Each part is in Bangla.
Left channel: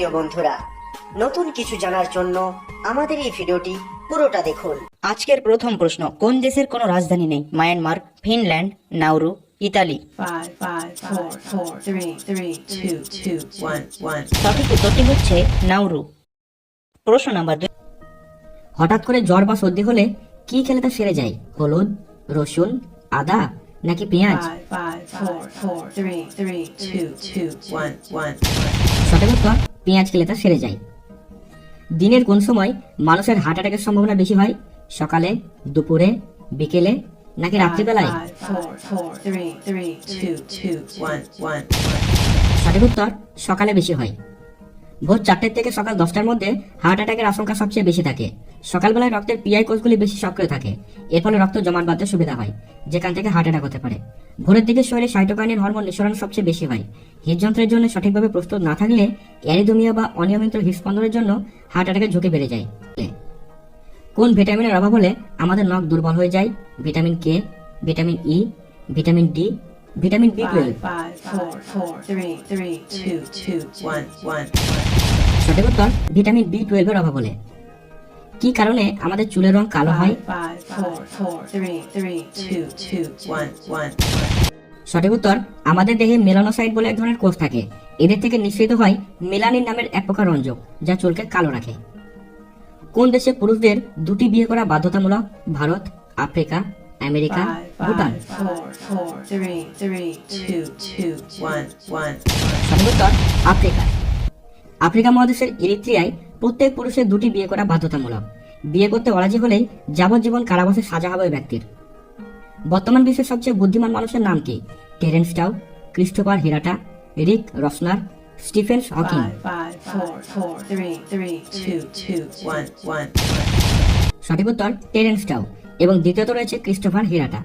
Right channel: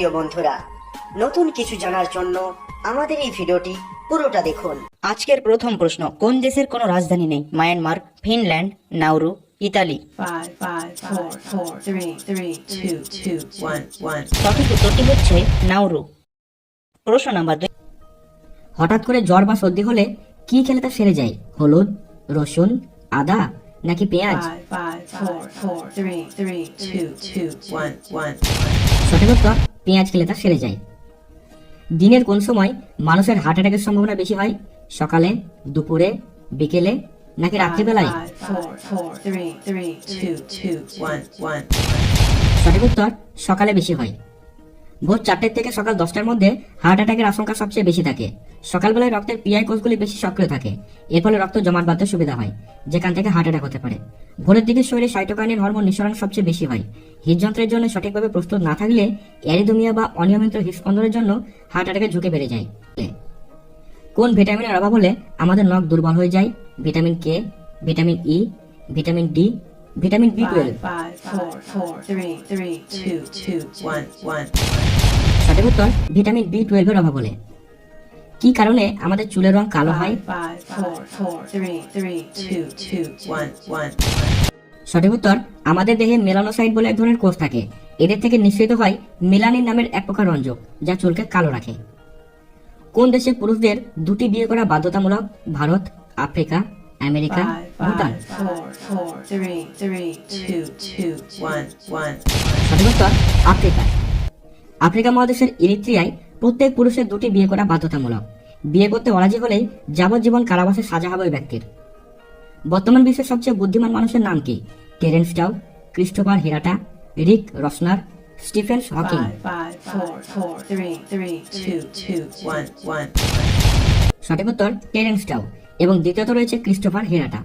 প্রিয় বন্ধুরা, নতুন কিছু জানার জন্য আমাদের এই ভিডিওটি পুরোটা দেখুন। আজকের প্রথম প্রশ্ন, কোন দেশের কোনো রাজধানী নেই? Myanmar, Finland, Nauru, Italy. 5, 5, 4, 4, 3, 3, 2, 2, 1, 1. সঠিক উত্তরটি হচ্ছে নাউরু। প্রশ্ন নাম্বার 2, হঠাৎ করে জ্বর বা সর্দি হলে কি খেলে তা সেরে যায়? হলুদ, রসুন, আদা নাকি পেঁয়াজ? 5, 5, 4, 4, 3, 3, 2, 2, 1, 1. সঠিক উত্তর, পেঁয়াজ খেলে তা সেরে যায়। দিনের কোন সময় মানুষের হার্ট অ্যাটাকের সম্ভাবনা বেশি হয়? সকালে, দুপুরে, বিকেলে নাকি 5, রাত্রিবেলায়? 5, 4, 4, 3, 3, 2, 2, 1, 1. সঠিক উত্তর, সকালে বেশি হয়। ভোর 4টা থেকে সকাল 10টার মধ্যে হার্ট অ্যাটাকের আশঙ্কা সবচেয়ে বেশি থাকে। সকালবেলায় রক্তের পিআই কোষগুলি বেশি সক্রিয় থাকে, এর ফলে রক্ত জমাট বাঁধতে সুবিধা হয়, যেখান থেকে হার্ট অ্যাটাক হতে পারে। ভোরের দিকে শরীরে সাইটোকাইনিন হরমোন নিঃসরণ সবচেয়ে বেশি হয়। হৃদযন্ত্রের জন্য সঠিকভাবে প্রস্তুত না থাকলে অ্যারিদমিয়া বা অনিয়মিত হৃদস্পন্দনের জন্য হার্ট অ্যাটাকের ঝুঁকি বেড়ে যায়। কোন ভিটামিনের অভাব হলে আমাদের নখ দুর্বল হয়ে যায়? Vitamin K, vitamin E, vitamin D, vitamin B 5, 5, 4, 4, 3, 3, 2, 2, 1, 1. সঠিক উত্তর, ভিটামিন বি 12 এর অভাব হলে। কি কারণে আমাদের চুলের রং কালো হয়? 5, 5, 4, 4, 3, 3, 2, 2, 1, 1. সঠিক উত্তর, আমাদের দেহে মেলানোসাইট বলে এক ধরনের কোষ থাকে, এদের থেকে নিঃসৃত হয় মেলানিন নামের এক প্রকার রঞ্জক, যা চুলকে কালো রাখে। কোন দেশে পুরুষদের দুটি বিয়ে করা বাধ্যতামূলক? Bharat, Africa, America, 5, Bhutan. 5, 4, 4, 3, 3, 2, 2, 1, 1. সঠিক উত্তর, আফ্রিকা। আফ্রিকা মহাদেশের ইরিত্রিয়ায় প্রত্যেক পুরুষের দুটি বিয়ে করা বাধ্যতামূলক। বিয়ে করতে অরাজি হলেই যাবজ্জীবন কারাবাসে সাজা হবে ওই ব্যক্তির। বর্তমান বিশ্বের সবচেয়ে বুদ্ধিমান মানুষের নাম কি? টেরেন্স টাউ, ক্রিস্টোফার হিরাটা, রিক রসনার, স্টিফেন হকিং। 5, 5, 4, 4, 3, 3, 2, 2, 1, 1. সঠিক উত্তর, টেরেন্স টাউ। এবং দ্বিতীয়ত রয়েছে ক্রিস্টোফার হিরাটা।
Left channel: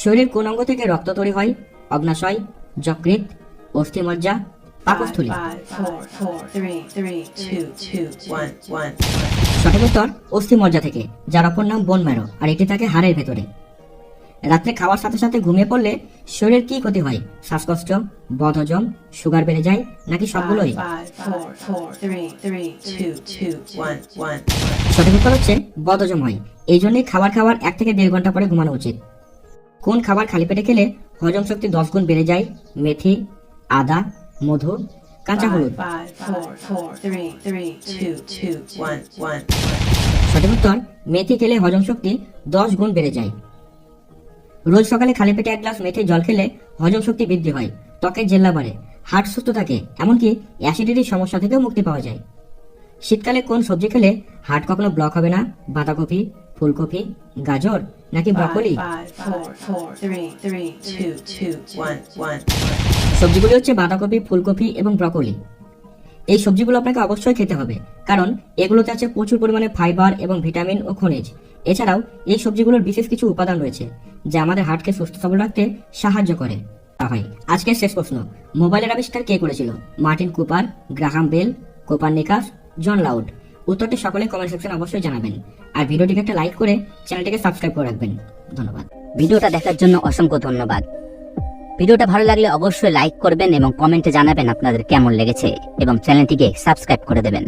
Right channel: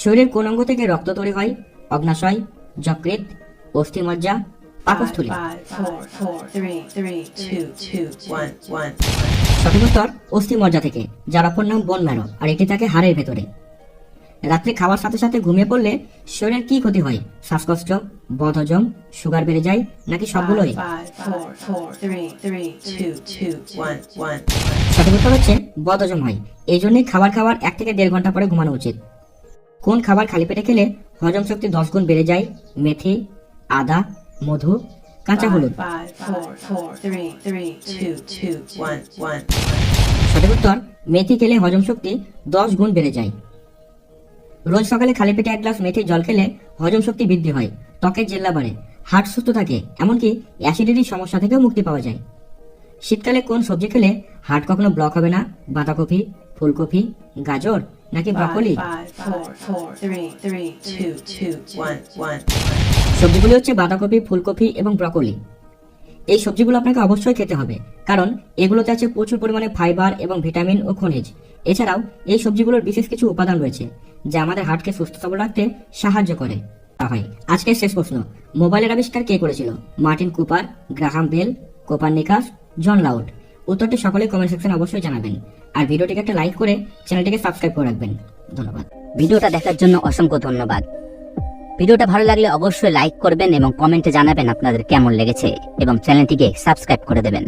শরীরের কোন অঙ্গ থেকে রক্ত তৈরি হয়? অগ্নাশয়, যকৃৎ, অস্থিমজ্জা, 5, পাকস্থলী। 5, 4, 4, 3, 3, 2, 2, 1, 1. সঠিক উত্তর, অস্থিমজ্জা থেকে, যার অপর নাম বোন ম্যারো, আর এটি থাকে হাড়ের ভেতরে। রাত্রে খাওয়ার সাথে সাথে ঘুমিয়ে পড়লে শরীরের কি ক্ষতি হয়? শ্বাসকষ্ট, বদহজম, সুগার বেড়ে যায় নাকি 5, সবগুলোই? 5, 4, 4, 3, 3, 2, 2, 1, 1. সঠিক উত্তর হচ্ছে বদহজম হয়। এই জন্যই খাবার 1 থেকে 1.5 ঘন্টা পরে ঘুমানো উচিত। কোন খাবার খালি পেটে খেলে হজম শক্তি 10 গুণ বেড়ে যায়? মেথি, আদা, মধু, কাঁচা 5, হলুদ। 5, 4, 4, 3, 3, 2, 2, 1, 1. সঠিক উত্তর, মেথি খেলে হজম শক্তি 10 গুণ বেড়ে যায়। রোজ সকালে খালি পেটে 1 গ্লাস মেথির জল খেলে হজম শক্তি বৃদ্ধি হয়, ত্বকের জেল্লা বাড়ে, হার্ট সুস্থ থাকে, এমনকি অ্যাসিডিটির সমস্যা থেকেও মুক্তি পাওয়া যায়। শীতকালে কোন সবজি খেলে হার্ট কখনো ব্লক হবে না? বাঁধাকপি, ফুলকপি, গাজর নাকি 5, ব্রকোলি? 5, 4, 4, 3, 3, 2, 2, 1, 1. সবজিগুলি হচ্ছে বাঁধাকপি, ফুলকপি এবং ব্রকোলি। এই সবজিগুলো আপনাকে অবশ্যই খেতে হবে, কারণ এগুলোতে আছে প্রচুর পরিমাণে ফাইবার এবং ভিটামিন ও খনিজ। এছাড়াও এই সবজিগুলোর বিশেষ কিছু উপাদান রয়েছে যা আমাদের হার্টকে সুস্থ সবল রাখতে সাহায্য করে। আজকের শেষ প্রশ্ন, মোবাইলের আবিষ্কার কে করেছিল? Martin Cooper, Graham Bell, Copernicus, John Loud. উত্তরটি সকলে কমেন্ট সেকশনে অবশ্যই জানাবেন, আর ভিডিওটিকে একটা লাইক করে চ্যানেলটিকে সাবস্ক্রাইব করে রাখবেন। ধন্যবাদ। ভিডিওটা দেখার জন্য অসংখ্য ধন্যবাদ। ভিডিওটা ভালো লাগলে অবশ্যই লাইক করবেন এবং কমেন্টে জানাবেন আপনাদের কেমন লেগেছে, এবং চ্যানেলটিকে সাবস্ক্রাইব করে দেবেন।